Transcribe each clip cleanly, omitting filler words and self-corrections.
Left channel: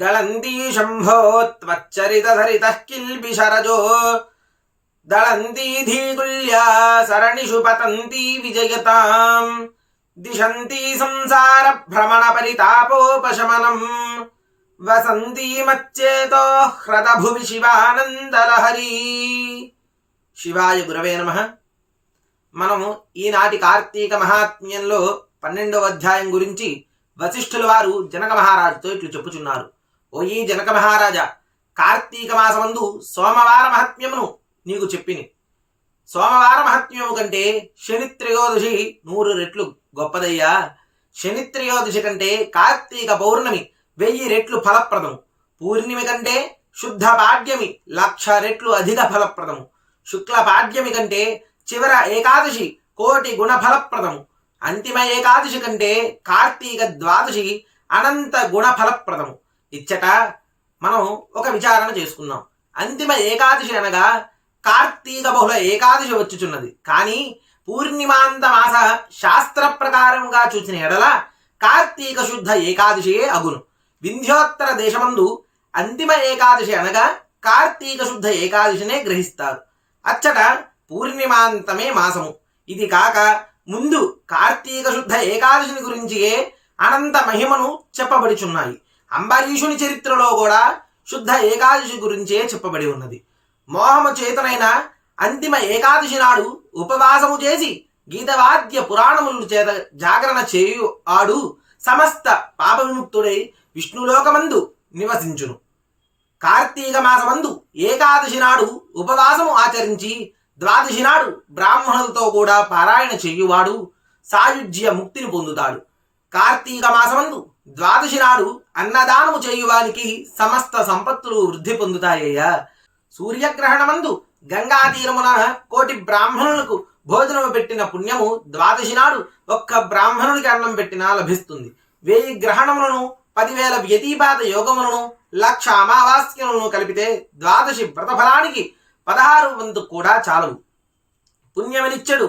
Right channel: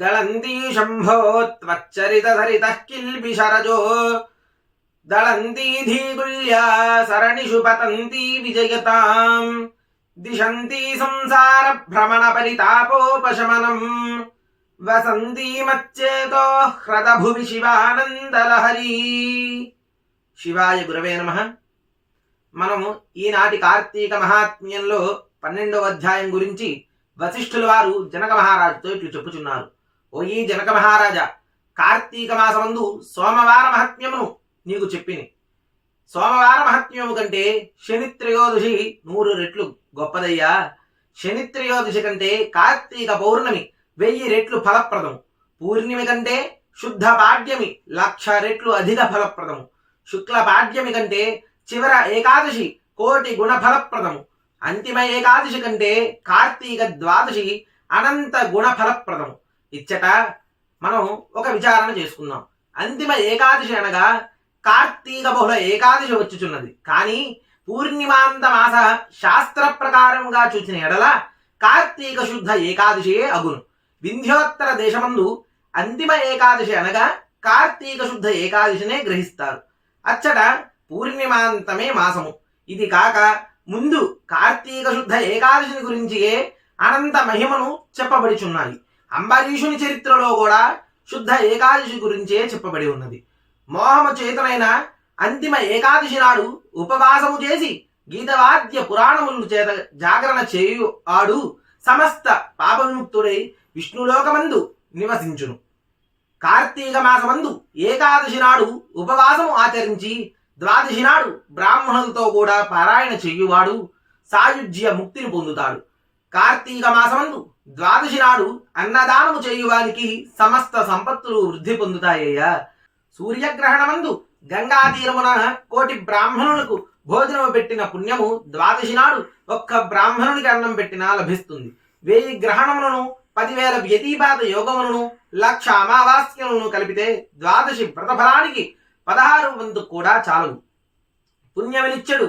గళంతి శంభో త్వచ్చరితధరితః కిల్బిషరజో దళంతి ధీగుల్యా సరణిషు పతంతి విజయతాం దిశంతి సంసార భ్రమణ పరితాపోపశమనం వసంతి మచ్చేతో హ్రద భువి శివానందలహరి. శివాయ గురవే నమః. మనము ఈనాటి కార్తీక మహాత్మ్యంలో 12వ అధ్యాయం గురించి వశిష్ఠుల వారు జనక మహారాజుతో ఇట్లు చెప్పుచున్నారు. ఓ ఈ జనక మహారాజా, కార్తీక మాసమందు సోమవార మహాత్మ్యమును నీకు చెప్పిని. సోమవార మహాత్మ్యము కంటే శని త్రయోదశి 100 రెట్లు గొప్పదయ్యా. శని త్రయోదశి కంటే కార్తీక పౌర్ణమి 1000 రెట్లు ఫలప్రదము. పూర్ణిమి కంటే శుద్ధ పాడ్యమి 1,00,000 రెట్లు అధిక ఫలప్రదము. శుక్ల పాడ్యమి కంటే చివర ఏకాదశి 1,000,000 గుణ ఫలప్రదము. అంతిమ ఏకాదశి కంటే కార్తీక ద్వాదశి అనంత గుణ ఫలప్రదము. ఇచ్చట మనం ఒక విచారణ చేసుకుందాం. అంతిమ ఏకాదశి అనగా కార్తీక బహుళ ఏకాదశి వచ్చుచున్నది. కానీ పూర్ణిమాంత మాస శాస్త్ర ప్రకారంగా చూసిన ఎడల కార్తీక శుద్ధ ఏకాదశియే అగును. వింధ్యోత్తర దేశమందు అంతిమ ఏకాదశి అనగా కార్తీక శుద్ధ ఏకాదశినే గ్రహిస్తారు. అచ్చట పూర్ణిమాంతమే మాసము. ఇది కాక ముందు కార్తీక శుద్ధ ఏకాదశిని గురించియే అనంత మహిమను చెప్పబడిచున్నాయి. అంబరీషుని చరిత్రలో కూడా శుద్ధ ఏకాదశి గురించే చెప్పబడి ఉన్నది. మోహము చేతనైన అంతిమ ఏకాదశి నాడు ఉపవాసము చేసి గీతవాద్య పురాణములు చేత జాగరణ చేయు ఆడు సమస్త పాపవిముక్తుడై విష్ణులోకమందు నివసించును. కార్తీక మాసమందు ఏకాదశి నాడు ఉపవాసము ఆచరించి ద్వాదశి నాడు బ్రాహ్మణులతో కూడా పారాయణ చెయ్యువాడు సాయుజ్య ముక్తిని పొందుతాడు. కార్తీక మాసమందు ద్వాదశి నాడు అన్నదానము చేయువానికి సమస్త సంపత్తులు వృద్ధి పొందుతాయ్యా. సూర్యగ్రహణమందు గంగా తీరమున 1,000,000 బ్రాహ్మణులకు భోజనము పెట్టిన పుణ్యము ద్వాదశి నాడు ఒక్క బ్రాహ్మణునికి అన్నం పెట్టినా లభిస్తుంది. 1000 గ్రహణములను 10,000 వ్యతిపాత యోగములను 1,00,000 అమావాస్యలను కలిపితే ద్వాదశి వ్రతఫలానికి 16 వంతు కూడా చాలవు. పుణ్యమనిచ్చడు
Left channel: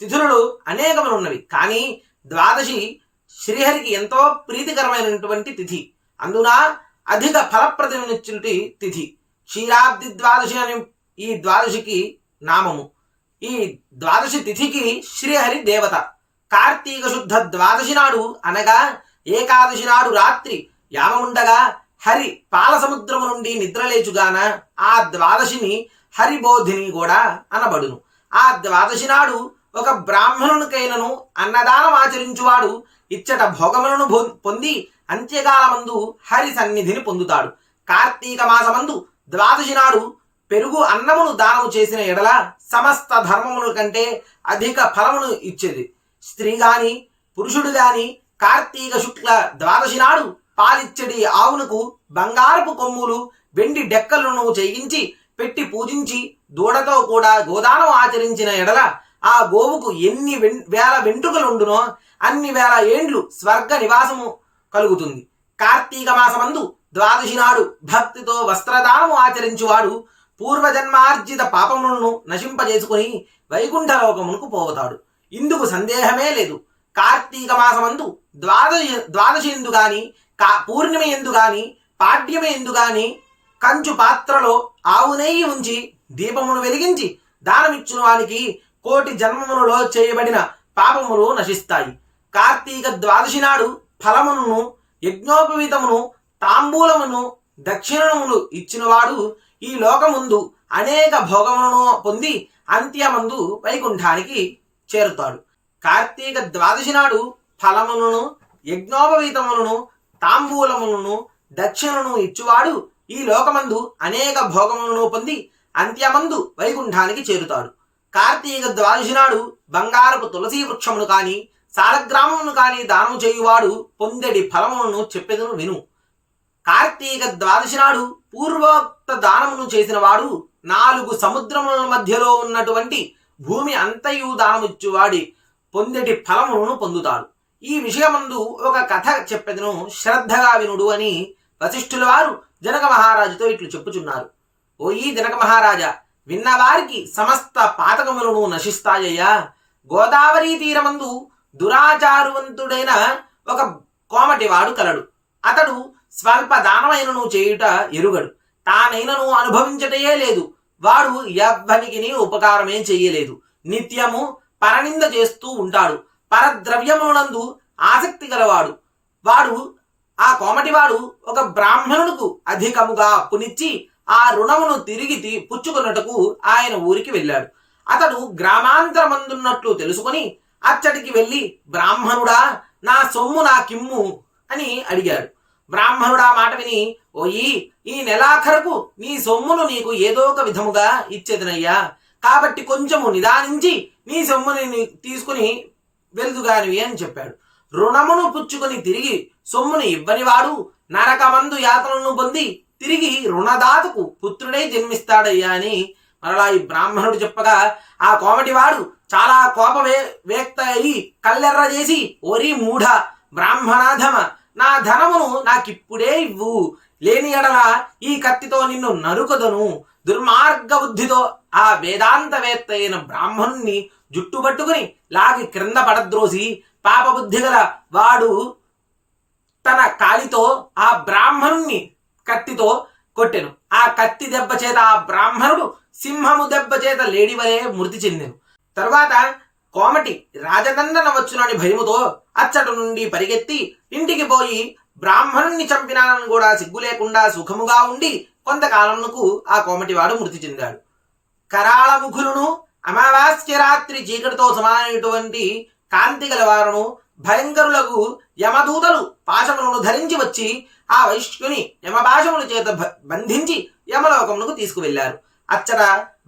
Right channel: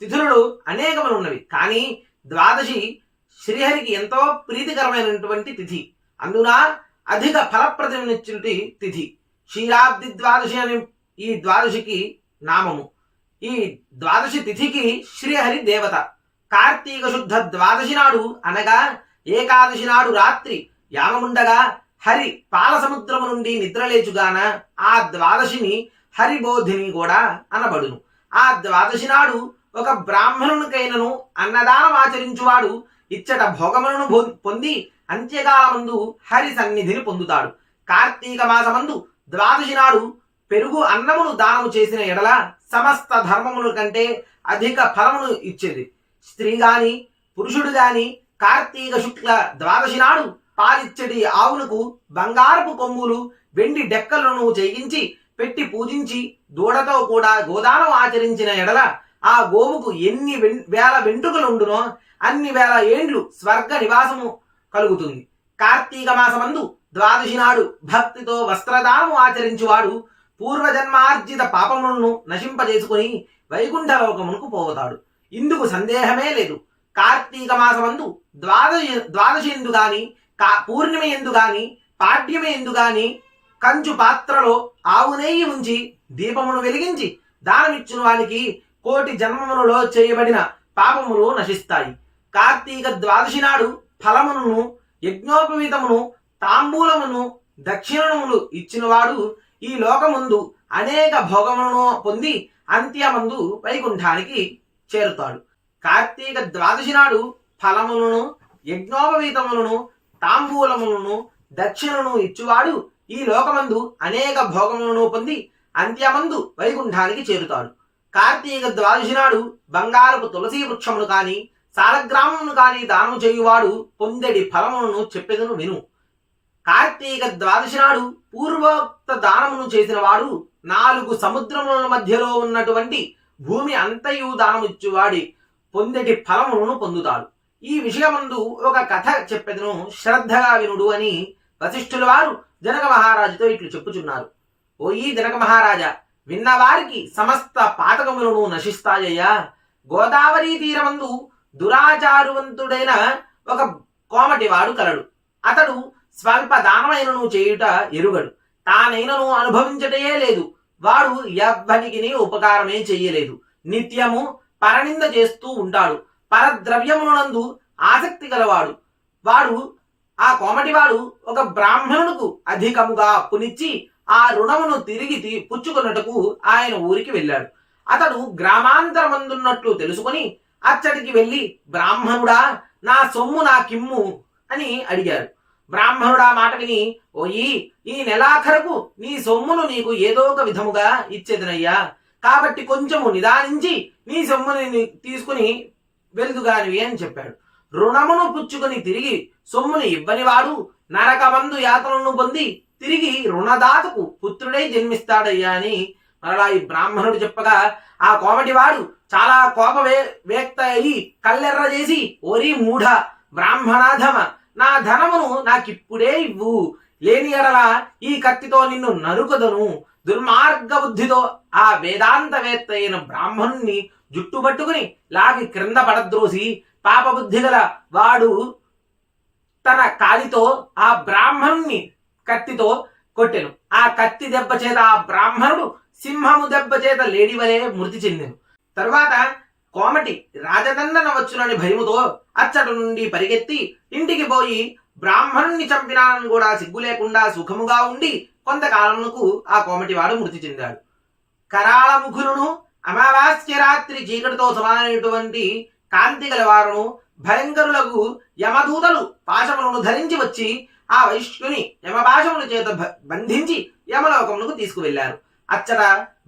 తిథులు అనేకములున్నవి. కానీ ద్వాదశి శ్రీహరికి ఎంతో ప్రీతికరమైనటువంటి తిథి. అందున అధిక ఫలప్రదమిచ్చుటి తిథి. క్షీరాబ్ది ద్వాదశి అని ఈ ద్వాదశికి నామము. ఈ ద్వాదశి తిథికి శ్రీహరి దేవత. కార్తీక శుద్ధ ద్వాదశి నాడు అనగా ఏకాదశి నాడు రాత్రి యామముండగా హరి పాలసముద్రము నుండి నిద్రలేచుగాన ఆ ద్వాదశిని హరిబోధిని కూడా అనబడును. ఆ ద్వాదశి నాడు ఒక బ్రాహ్మణునికైనను అన్నదానం ఆచరించువాడు ఇచ్చట భోగములను పొంది అంత్యకాలమందు హరి సన్నిధిని పొందుతాడు. కార్తీక మాసమందు ద్వాదశి నాడు పెరుగు అన్నమును దానము చేసిన ఎడల సమస్త ధర్మముల కంటే అధిక ఫలమును ఇచ్చేది. స్త్రీ గాని పురుషుడు గాని కార్తీక శుక్ల ద్వాదశి నాడు పాలిచ్చడి ఆవునకు బంగారపు కొమ్ములు వెండి డెక్కలను చేయించి పెట్టి పూజించి దూడతో కూడా గోదానం ఆచరించిన ఎడల ఆ గోవుకు ఎన్ని వేల వెంట్రుకలుండునో అన్ని వేల ఏండ్లు స్వర్గ నివాసము కలుగుతుంది. కార్తీక మాసమందు ద్వాదశి నాడు భక్తితో వస్త్రదానము ఆచరించువాడు పూర్వజన్మార్జిత పాపములను నశింపజేసుకుని వైకుంఠలోకమునకు పోతాడు. ఇందుకు సందేహమే లేదు. కార్తీక మాసమందు ద్వాదశి ఎందు గాని పూర్ణిమ ఎందు గాని పాడ్యమ ఎందు గాని కంచు పాత్రలో ఆవు నెయ్యి ఉంచి దీపమును వెలిగించి దానమిచ్చున వానికి 1,000,000 జన్మములలో చేయబడిన పాపములు నశిస్తాయి. కార్తీక ద్వాదశి నాడు ఫలమును యజ్ఞోపవీతమును తాంబూలమును దక్షిణములు ఇచ్చినవాడు ఈ లోకముందు అనేక భోగములను పొంది అంత్యమందు వైకుంఠానికి చేరుతాడు. కార్తీక ద్వాదశి నాడు ఫలములను యజ్ఞోపవీతములను తాంబూలములను దక్షిణను ఇచ్చువాడు ఈ లోకమందు అనేక భోగములను పొంది అంత్యమందు వైకుంఠానికి చేరుతాడు. కార్తీక ద్వాదశి నాడు బంగారపు తులసి వృక్షమును కాని సాలగ్రామమును కాని దానము చేయువాడు పొందెడి ఫలములను చెప్పెదను విను. కార్తీక ద్వాదశి నాడు పూర్వోక్త దానమును చేసిన వాడు 4 సముద్రముల మధ్యలో ఉన్నటువంటి భూమి అంతయు దానమిచ్చువాడి పొందెటి ఫలములను పొందుతాడు. ఈ విషయమందు ఒక కథ చెప్పెదను, శ్రద్ధగా వినుడు అని వశిష్ఠుల వారు జనక మహారాజుతో ఇట్లు చెప్పుచున్నారు. ఓ ఈ జనక మహారాజా, విన్నవారికి సమస్త పాతకములను నశిస్తాయ్యా. గోదావరి తీరమందు దురాచారువంతుడైన ఒక కోమటివాడు కలడు. అతడు స్వల్ప దానమైనను చేయుట ఎరుగడు. తానైనను అనుభవించటయే లేదు. వాడు ఎవ్వనికి ఉపకారమే చెయ్యలేదు. నిత్యము పరనింద చేస్తూ ఉంటాడు. పరద్రవ్యమునందు ఆసక్తి గలవాడు. వాడు ఆ కోమటివాడు ఒక బ్రాహ్మణునకు అధికముగా అప్పునిచ్చి ఆ రుణమును తిరిగి పుచ్చుకున్నట్టుకు ఆయన ఊరికి వెళ్ళాడు. అతడు గ్రామాంతరమందున్నట్లు తెలుసుకొని అచ్చటికి వెళ్ళి, బ్రాహ్మణుడా, నా సొమ్ము నాకిమ్ము అని అడిగాడు. బ్రాహ్మణుడా మాట విని, ఓయి, ఈ నెలాఖరకు నీ సొమ్మును నీకు ఏదో ఒక విధముగా ఇచ్చేదనయ్యా, కాబట్టి కొంచెము నిదానించి నీ సొమ్ముని తీసుకుని వెలుదుగానివి అని చెప్పాడు. రుణమును పుచ్చుకొని తిరిగి సొమ్మును ఇవ్వనివాడు నరకమందు యాతనను పొంది తిరిగి రుణదాతకు పుత్రుడై జన్మిస్తాడయ్యా అని మరలా ఈ బ్రాహ్మణుడు చెప్పగా, ఆ కోమటివాడు చాలా వేక్త అయి కల్లెర్ర చేసి, ఓరి మూఢ బ్రాహ్మణాధమ, నా ధనమును నాకిప్పుడే ఇవ్వు, లేని ఎడల ఈ కత్తితో నిన్ను నరుకదను. దుర్మార్గ బుద్ధితో ఆ వేదాంతవేత్త అయిన బ్రాహ్మణుణ్ణి జుట్టుపట్టుకుని లాగి క్రింద పడద్రోసి, పాపబుద్ధి గల వాడు తన కాలితో ఆ బ్రాహ్మణుణ్ణి కత్తితో కొట్టెను. ఆ కత్తి దెబ్బ చేత ఆ బ్రాహ్మణుడు సింహము దెబ్బ చేత లేడివలే మృతి చెందెను. తరువాత కోమటి రాజదండన వచ్చునని భయముతో అచ్చటి నుండి పరిగెత్తి ఇంటికి పోయి బ్రాహ్మణుణ్ణి చంపినానని కూడా సిగ్గు లేకుండా సుఖముగా ఉండి కొంతకాలమునకు ఆ కోమటివాడు మృతి చెందాడు. కరాళ ముఖులను, అమావాస్య రాత్రి చీకటితో సమానమైనటువంటి కాంతి గలవారును, భయంకరులకు యమదూతలు పాశములను ధరించి వచ్చి ఆ వైశ్యుని యమపాశముల చేత బంధించి యమలోకమునకు తీసుకువెళ్లారు. అచ్చట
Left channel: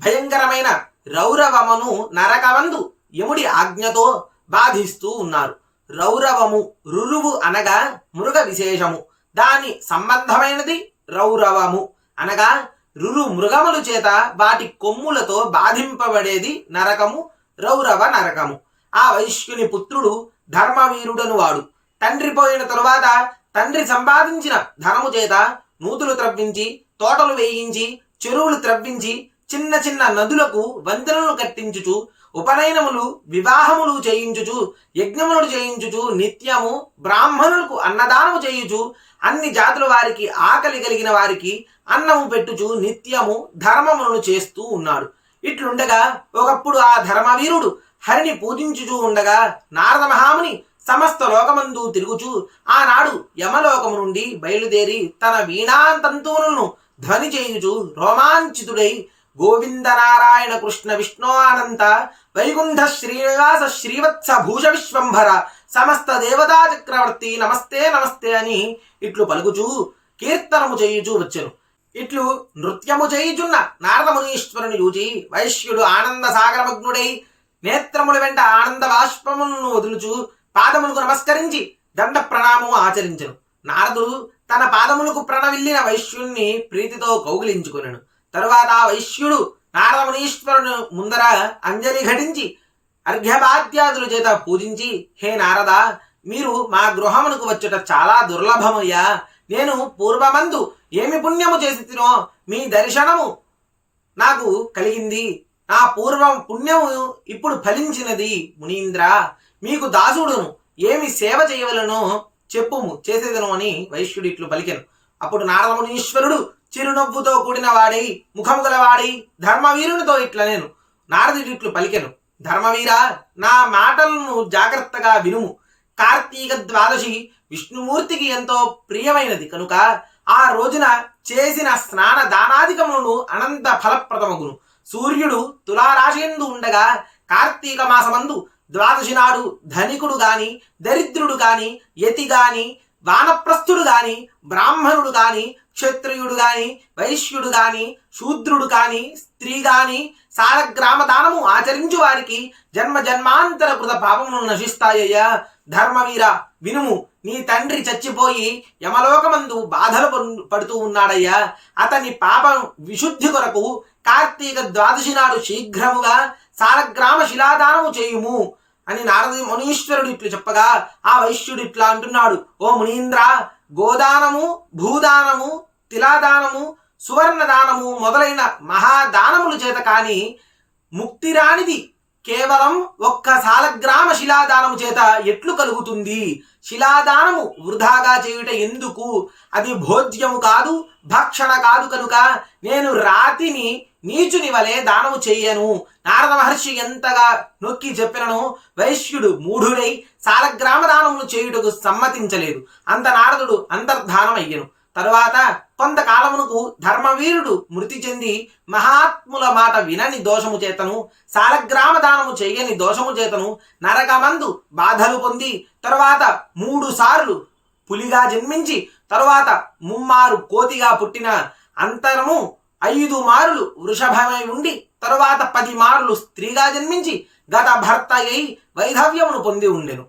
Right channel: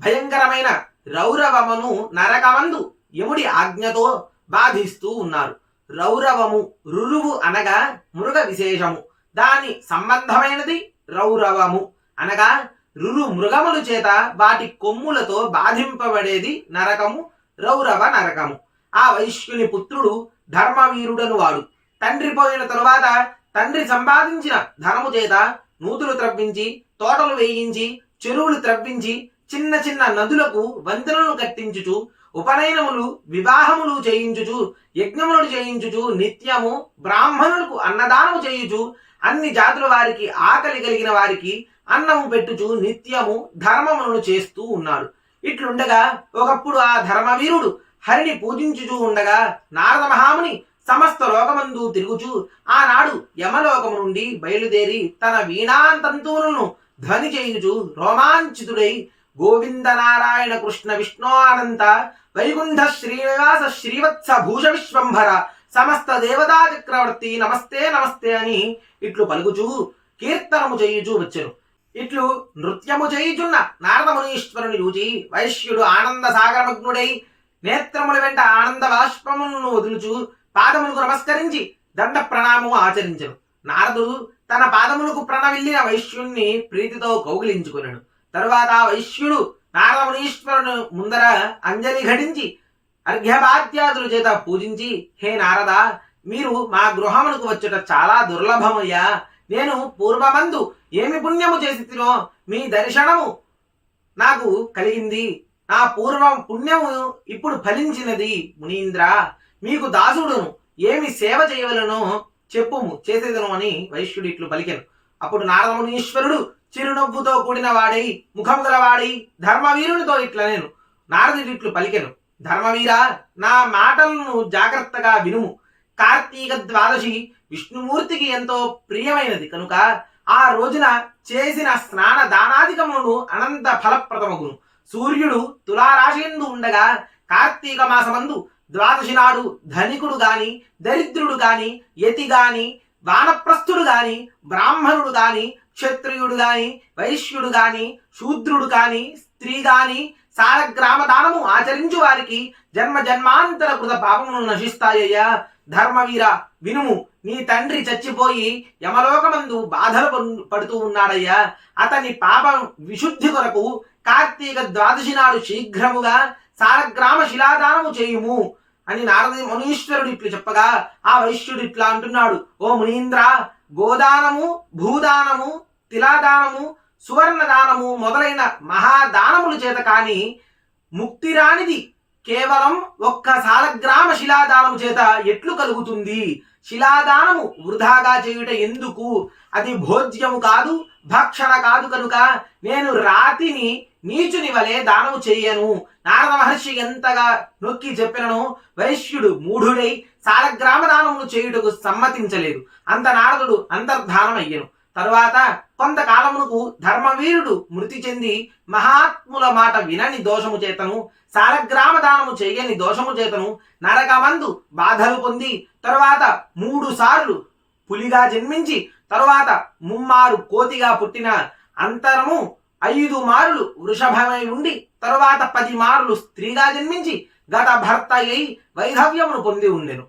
భయంకరమైన రౌరవమును నరకమందు యముడి ఆజ్ఞతో బాధిస్తూ ఉన్నారు. రౌరవము, రురువు అనగా మృగ విశేషము, దాని సంబంధమైనది రౌరవము అనగా రురు మృగముల చేత వాటి కొమ్ములతో బాధింపబడేది నరకము, రౌరవ నరకము. ఆ వైశ్యుని పుత్రుడు ధర్మవీరుడను వాడు. తండ్రి పోయిన తరువాత తండ్రి సంపాదించిన ధనము చేత నూతులు త్రవ్వించి, తోటలు వేయించి, చెరువులు త్రవ్వించి, చిన్న చిన్న నదులకు వంతెనలను కట్టించుచు, ఉపనయనములు, వివాహములు చేయించుచు, యజ్ఞములు చేయించుచు, నిత్యము బ్రాహ్మణులకు అన్నదానము చేయుచు, అన్ని జాతుల వారికి, ఆకలి కలిగిన వారికి అన్నము పెట్టుచు నిత్యము ధర్మములను చేస్తూ ఉన్నాడు. ఇట్లుండగా ఒకప్పుడు ఆ ధర్మవీరుడు హరిని పూజించుచూ ఉండగా నారద మహాముని సమస్త లోకమందు తిరుగుచు ఆనాడు యమలోకము నుండి బయలుదేరి తన వీణాంతంతువులను ధ్వని చేయుచు రోమాంచితుడై, గోవింద నారాయణ కృష్ణ విష్ణు అనంత వైకుంఠ శ్రీనివాస శ్రీవత్స భూష విశ్వంభర సమస్త దేవతా చక్రవర్తి నమస్తే నమస్తే అని ఇట్లు పలుకుచూ కీర్తనము చేయుచూ వచ్చెను. ఇట్లు నృత్యము చేయుచున్న నారద మునీశ్వరుని చూచి వైశ్యుడు ఆనంద సాగరమగ్నుడై నేత్రముల వెంట ఆనంద బాష్పములను వదులుచు పాదములకు నమస్కరించి దండ ప్రణామము ఆచరించెను. నారదుడు తన పాదములకు ప్రణవిల్లిన వైశ్యుణ్ణి ప్రీతితో కౌగిలించుకున్నాడు. తరువాత వైశ్యుడు నారద మునీశ్వరుని ముందర అంజలి ఘటించి అర్ఘ్యపాద్యాదుల చేత పూజించి, హే నారద, మీరు మా గృహమునకు వచ్చుట చాలా దుర్లభమయ్యా. నేను పూర్వమందు ఏమి పుణ్యము చేసి తినో మీ దర్శనము నాకు కలిగింది. నా పూర్వం పుణ్యము ఇప్పుడు ఫలించినది. మునీంద్ర, మీకు దాసుడును, ఏమి సేవ చేయవలనో చెప్పుము, చేసేదను అని వైశ్యుడు ఇట్లు పలికెను. అప్పుడు నారద మునీశ్వరుడు చిరునవ్వుతో కూడిన వాడై, ముఖము గలవాడై ధర్మవీరునితో ఇట్లా నేను నారదుడు ఇట్లు పలికెను. ధర్మవీర, నా మాటలను జాగ్రత్తగా వినుము. కార్తీక ద్వాదశి విష్ణుమూర్తికి ఎంతో ప్రియమైనది కనుక ఆ రోజున చేసిన స్నాన దానాధికములను అనంత ఫలప్రదమగును. సూర్యుడు తులారాశియందు ఉండగా కార్తీక మాసమందు ద్వాదశి నాడు ధనికుడు గాని, దరిద్రుడు గాని, యతి గాని, వానప్రస్థుడు గాని, బ్రాహ్మణుడు గాని, క్షత్రియుడు గాని, వైశ్యుడు గాని, శూద్రుడు గాని, స్త్రీ గాని సాలగ్రామ దానము ఆచరించు వారికి జన్మ జన్మాంతర కృత పాపమును నశిస్తాయ్యా. ధర్మవీర, వినుము. నీ తండ్రి చచ్చిపోయి యమలోకమందు బాధలు పడుతూ ఉన్నాడయ్యా. అతని పాపం విశుద్ధి కొరకు కార్తీక ద్వాదశి నాడు శీఘ్రముగా సాలగ్రామ శిలాదానము చేయుము అని నారద మునీశ్వరుడు ఇట్లు చెప్పగా ఆ వైశ్యుడు ఇట్లా అంటున్నాడు. ఓ మునీంద్ర, గోదానము, భూదానము, తిలాదానము, సువర్ణదానము మొదలైన మహాదానముల చేత కాని ముక్తి రానిది కేవలం ఒక్క సాలగ్రామ శిలాదానము చేత ఎట్లు కలుగుతుంది? శిలాదానము వృధాగా చేయుట ఎందుకు? అది భోజ్యము కాదు, భక్షణ కాదు కనుక నేను రాతిని నీచుని వలె దానము చెయ్యను. నారద మహర్షి ఎంతగా నొక్కి చెప్పినను వైశ్యుడు మూఢుడై సాలగ్రామ దానమును చేయుటకు సమ్మతించలేదు. అంత నారదుడు అంతర్ధానమయ్యను. తరువాత కొంతకాలమునకు ధర్మవీరుడు మృతి చెంది మహాత్ముల మాట వినని దోషము చేతను, సాలగ్రామ దానము చెయ్యని దోషము చేతను నరకమందు బాధలు పొంది తరువాత 3 సార్లు పులిగా జన్మించి తరువాత 3 కోతిగా పుట్టిన అంతరము 5 మారులు వృషభమై ఉండి తరువాత 10 మారులు స్త్రీగా జన్మించి గత భర్త అయి వైధవ్యమును పొంది ఉండెను.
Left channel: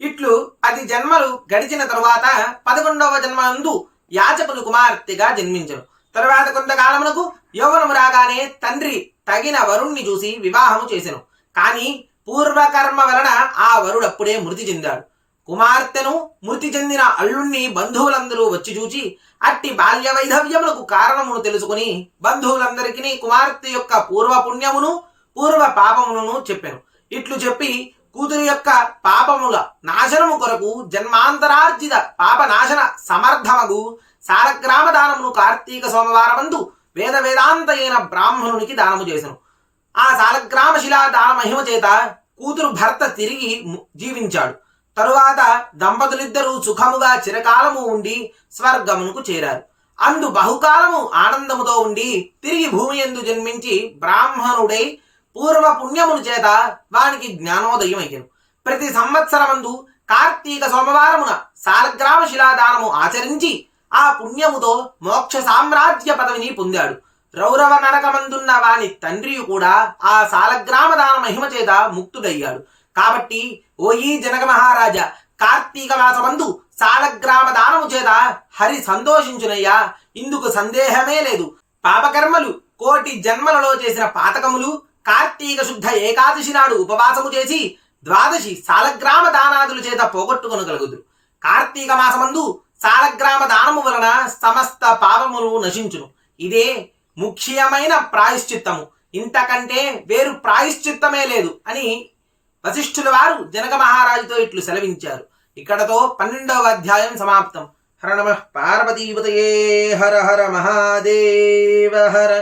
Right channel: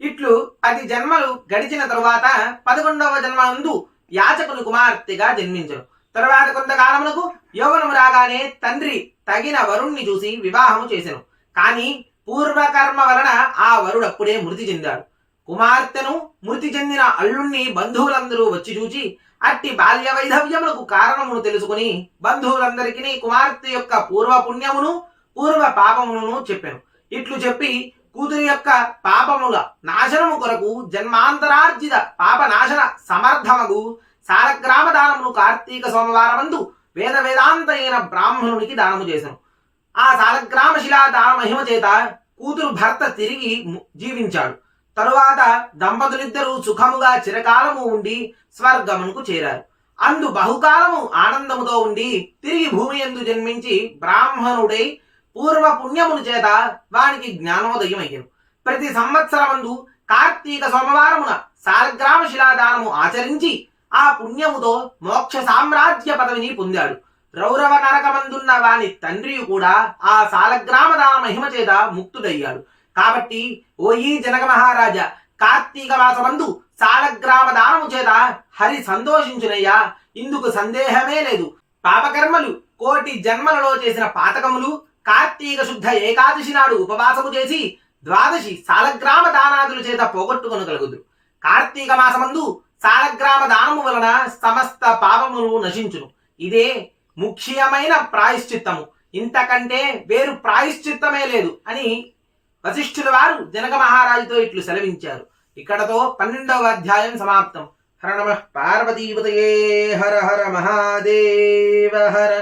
ఇట్లు 10 జన్మలు గడిచిన తరువాత 11వ జన్మందు యాచకుని కుమార్తెగా జన్మించను. తరువాత కొంతకాలమునకు యౌవనము రాగానే తండ్రి తగిన వరుణ్ణి చూసి వివాహము చేసెను. కానీ పూర్వకర్మ వలన ఆ వరుడప్పుడే మృతి చెందాడు. కుమార్తెను మృతి చెందిన అల్లుణ్ణి బంధువులందరూ వచ్చి చూచి అట్టి బాల్య వైధవ్యములకు కారణమును తెలుసుకుని బంధువులందరికీ కుమార్తె యొక్క పూర్వ పుణ్యమును పూర్వ పాపమును చెప్పెను. ఇట్లు చెప్పి కూతురి యొక్క పాపముల నాశనము కొరకు జన్మాంతరార్జిత పాప నాశన సమర్థమగు సాలగ్రామ దానమును కార్తీక సోమవారమందు వేదాంత అయిన బ్రాహ్మణునికి దానము చేసెను. ఆ సాలగ్రామ శిలా దాన మహిమ చేత కూతురు భర్త తిరిగి జీవించాడు. తరువాత దంపతులిద్దరూ సుఖముగా చిరకాలము ఉండి స్వర్గమునకు చేరారు. అందు బహుకాలము ఆనందముతో ఉండి తిరిగి భూమి యందు జన్మించి బ్రాహ్మణుడై పూర్వ పుణ్యమును చేత వానికి జ్ఞానోదయం అయ్యను. ప్రతి సంవత్సరమందు కార్తీక సోమవారమున సాలగ్రామ శిలాదానము ఆచరించి ఆ పుణ్యముతో మోక్ష సామ్రాజ్య పదవిని పొందాడు. రౌరవ నరకమందున్న వాని తండ్రి కూడా ఆ సాలగ్రామ దాన మహిమ చేత ముక్తుడయ్యాడు. కాబట్టి ఓయి జనక మహారాజా, కార్తీక మాసమందు సాలగ్రామ దానము చేత హరి సంతోషించునయ్యా, ఇందుకు సందేహమే లేదు. పాపకర్మలు 1,000,000 జన్మలలో చేసిన పాతకములు కార్తీక శుద్ధ ఏకాదశి నాడు ఉపవాసము చేసి 12 సాలగ్రామ దానాదుల చేత పోగొట్టుకొనగలుగుదురు. కార్తీక మాసమందు సాలగ్రామ దానము వలన సమస్త పాపములు నశించును. ఇదే ముఖ్యమైన ప్రాయశ్చిత్తము. ఇంతకంటే వేరు ప్రాయశ్చిత్తమే లేదు అని వశిష్ఠుల వారు జనక మహారాజుతో ఇట్లు సెలవించారు. ఇక్కడతో 12వ అధ్యాయం సమాప్తం. హర నమః పార్వతీపతయే. హర హర మహాదేవ హర.